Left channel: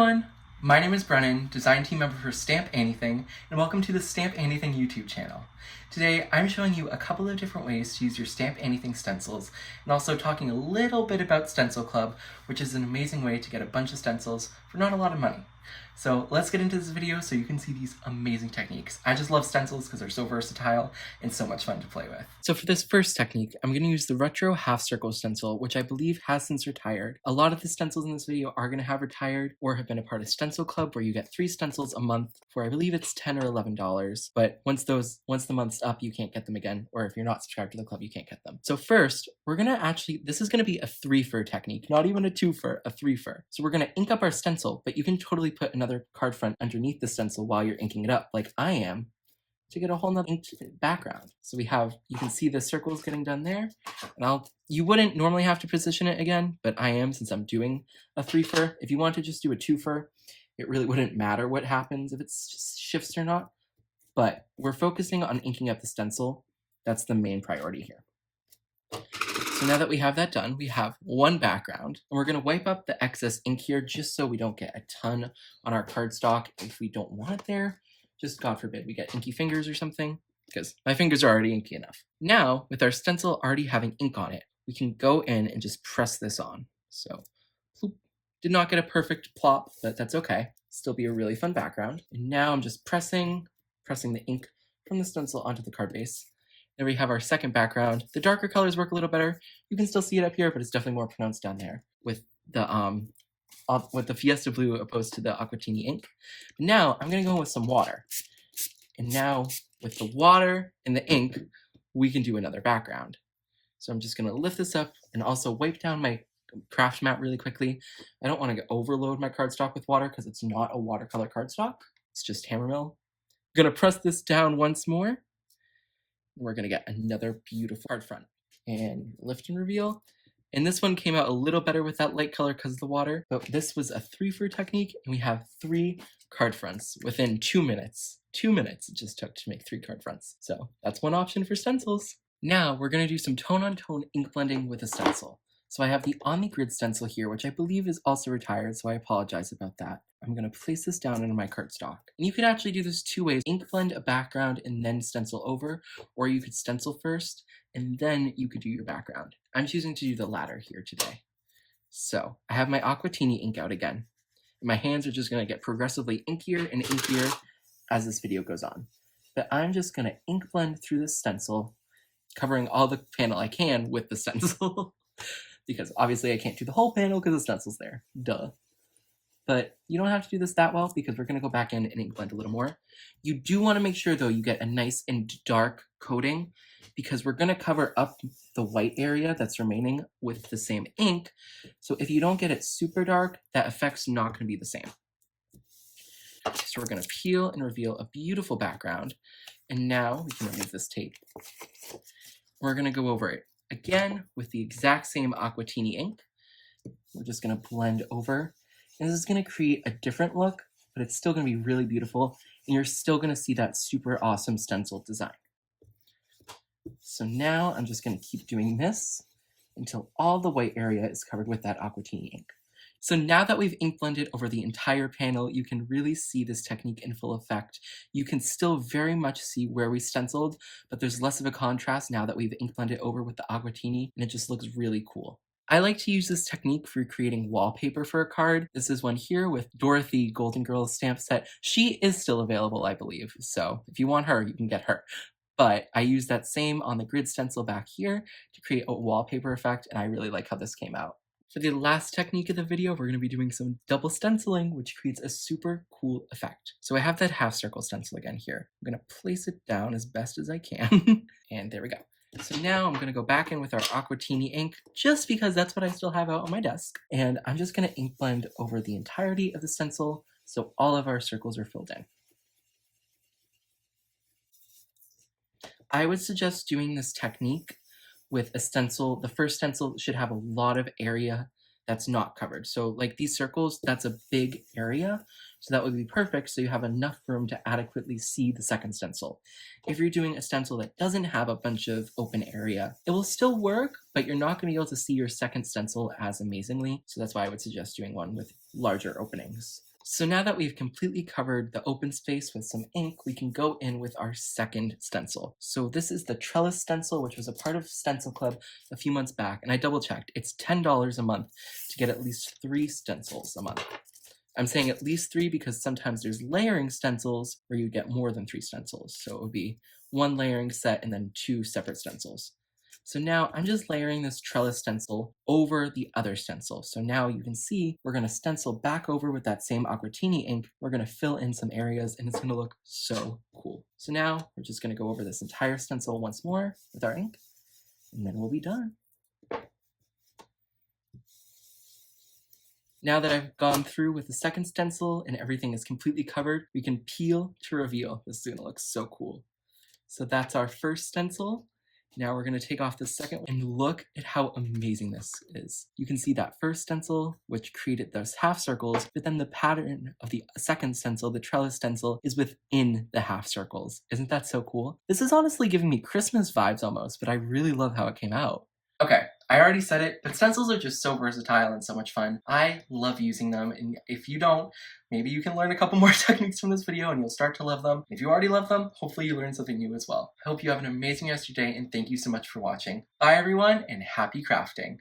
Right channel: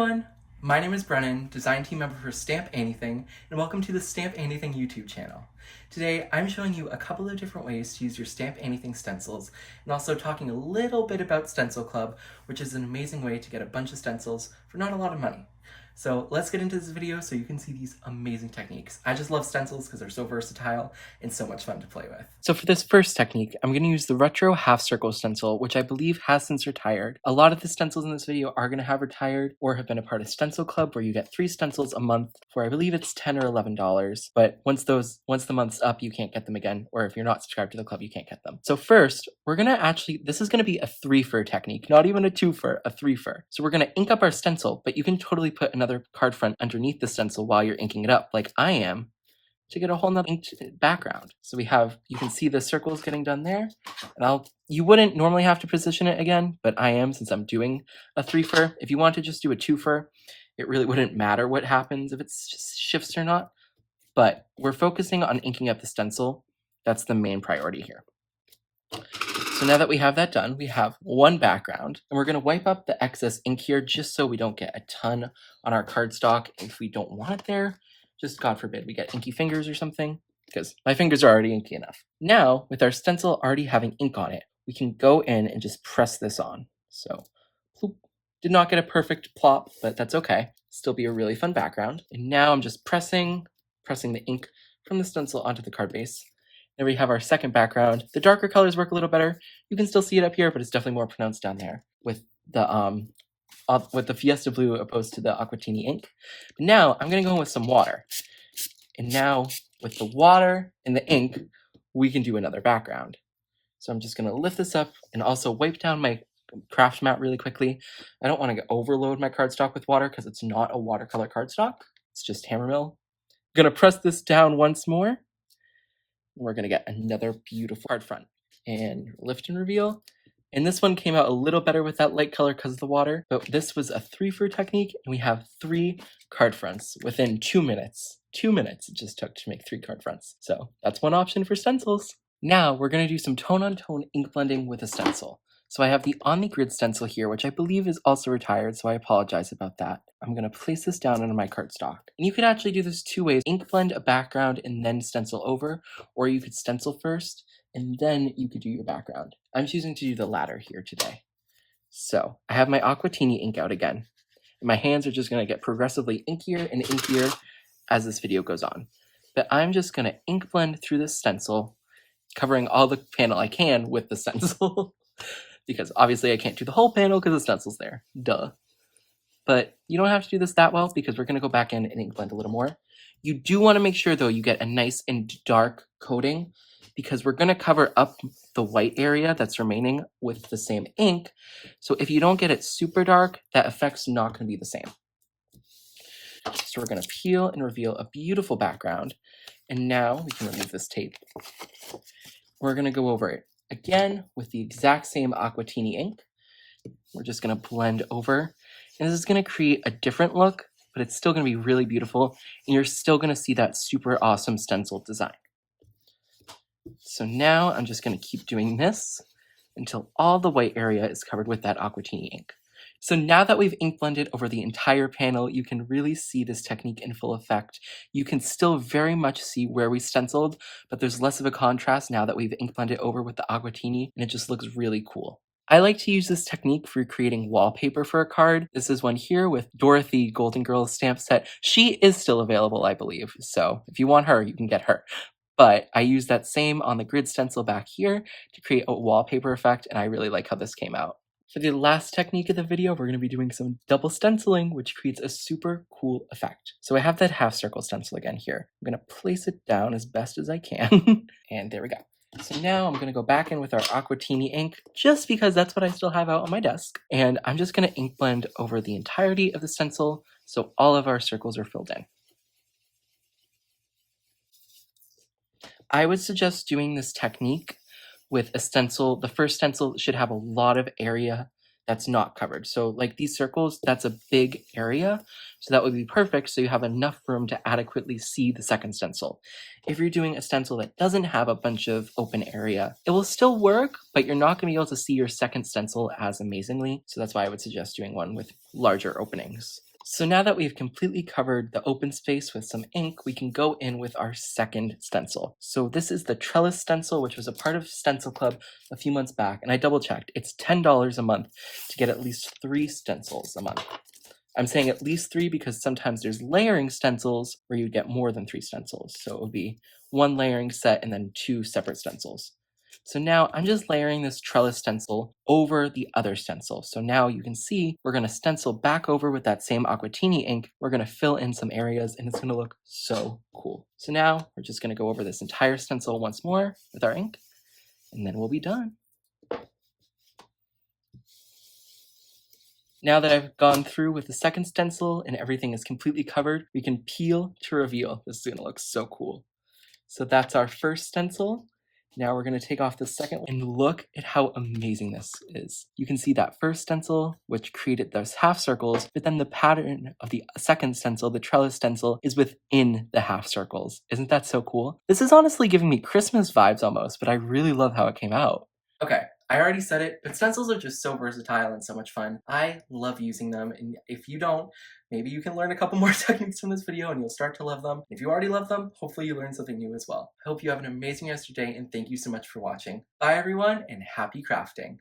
everyone! My name is Brennan, design team member for Stamp Anything, and welcome to the Stamp Anything YouTube channel. Today, I'm showing you a couple of different ways to use your Stamp Anything stencils, and also talking a little bit about Stencil Club, which is an amazing way to get a bunch of stencils for not a lot of money. So let's get into this video so you can see these amazing techniques. I just love stencils because they're so versatile and so much fun to play with. So for this first technique, I'm going to use the retro half circle stencil, which I believe has since retired. A lot of the stencils in this video are going to have retired or have been a part of Stencil Club, where you get 3 stencils a month for, I believe it's $10 or $11. But once the month's up, you can't get them again. Or if you're not subscribed to the club, you can't get them. So first, we're going to this is going to be a 3-fer technique, not even a 2-fer, a 3-fer. So we're going to ink up our stencil, but you can totally put another card front underneath the stencil while you're inking it up, like I am, to get a whole nother inked background. So you can see the circles getting done there. And you wouldn't normally have to position it again, but I am, since I'm doing a 3-fer. If you want to just do a 2-fer, it really wouldn't matter what happens if it just shifts or not. But we're focusing on inking up the stencil. That's the main priority here. So now that we have that done, we have one background, and we're going to wipe up the excess ink here just so we don't get a ton on our cardstock. If we don't want it there, just God forbid we get inky fingers or something, because my fingers are already inky enough. Now, with our stencil already having ink on it, we can go in and just press this on. So, ploop. Did not get a perfect plop, but that's okay. Still be a really fun background. And now I'm just pressing the ink from the stencil onto the card base. There we have our second background. The darker colors work a little better. You can still see it up here, but it's definitely more pronounced down there with the Fiesta Blue opposed to the Aquatini ink. But now I'm going to go in with some water. And now with the water and the ink, we can do another background. So I'm just going to lift this up and also wipe down my craft mat really quickly. I don't want to overload my cardstock with water because it's not a watercolor cardstock. It's just Hammermill. I'm going to press this down once more. We're going to get another beautiful card front. And lift and reveal. And this one came out a little better with that light color because of the water. But this was a 3-fer technique, and we have 3 card fronts within 2 minutes. 2 minutes it just took to make 3 card fronts. So that's one option for stencils. Now we're going to do some tone-on-tone ink blending with a stencil. So I have the On the Grid stencil here, which I believe is also retired, so I apologize about that. I'm going to place this down onto my cardstock. And you could actually do this 2 ways. Ink blend a background and then stencil over, or you could stencil first, and then you could do your background. I'm choosing to do the latter here today. So I have my Aquatini ink out again. And my hands are just going to get progressively inkier and inkier as this video goes on. But I'm just going to ink blend through the stencil, covering all the panel I can with the stencil. Because obviously I can't do the whole panel because the stencil's there. Duh. But you don't have to do this that well because we're going to go back in and ink blend a little more. You do want to make sure, though, you get a nice and dark coating because we're going to cover up the white area that's remaining with the same ink. So if you don't get it super dark, that effect's not going to be the same. So we're going to peel and reveal a beautiful background. And now we can remove this tape. We're going to go over it again with the exact same Aquatini ink. We're just going to blend over. And this is going to create a different look, but it's still going to be really beautiful. And you're still going to see that super awesome stencil design. So now I'm just going to keep doing this until all the white area is covered with that Aquatini ink. So now that we've ink blended over the entire panel, you can really see this technique in full effect. You can still very much see where we stenciled, but there's less of a contrast now that we've ink blended over with the Aquatini, and it just looks really cool. I like to use this technique for creating wallpaper for a card. This is one here with Dorothy Golden Girls stamp set. She is still available, I believe, so if you want her, you can get her. But I use that same On the Grid stencil back here to create a wallpaper effect, and I really like how this came out. For the last technique of the video, we're going to be doing some double stenciling, which creates a super cool effect. So I have that half circle stencil again here. I'm going to place it down as best as I can. And there we go. So now I'm going to go back in with our Aquatini ink, just because that's what I still have out on my desk. And I'm just going to ink blend over the entirety of the stencil so all of our circles are filled in. I would suggest doing this technique with a stencil. The first stencil should have a lot of area that's not covered. So like these circles, that's a big area. So that would be perfect. So you have enough room to adequately see the second stencil. If you're doing a stencil that doesn't have a bunch of open area, it will still work, but you're not going to be able to see your second stencil as amazingly. So that's why I would suggest doing one with larger openings. So now that we've completely covered the open space with some ink, we can go in with our second stencil. So this is the trellis stencil, which was a part of Stencil Club a few months back, and I double checked. It's $10 a month to get at least 3 stencils a month. I'm saying at least 3 because sometimes there's layering stencils where you get more than 3 stencils. So it would be 1 layering set and then 2 separate stencils. So now I'm just layering this trellis stencil over the other stencil. So now you can see we're going to stencil back over with that same aquatini ink. We're going to fill in some areas and it's going to look so cool. So now we're just going to go over this entire stencil once more with our ink and then we'll be done. Now that I've gone through with the second stencil and everything is completely covered, we can peel to reveal. This is going to look so cool. So that's our first stencil. Now we're going to take off the second one and look at how amazing this is. You can see that first stencil, which created those half circles, but then the pattern of the second stencil, the trellis stencil, is within the half circles. Isn't that so cool? This is honestly giving me Christmas vibes almost, but I really love how it came out. Okay, I already said it, but stencils are just so versatile and so much fun. I love using them, and if you don't, maybe you can learn a couple more techniques from this video and you'll start to love them. If you already love them, hopefully you learned something new as well. I hope you have an amazing rest of your day, and thank you so much for watching. Bye everyone, and happy crafting!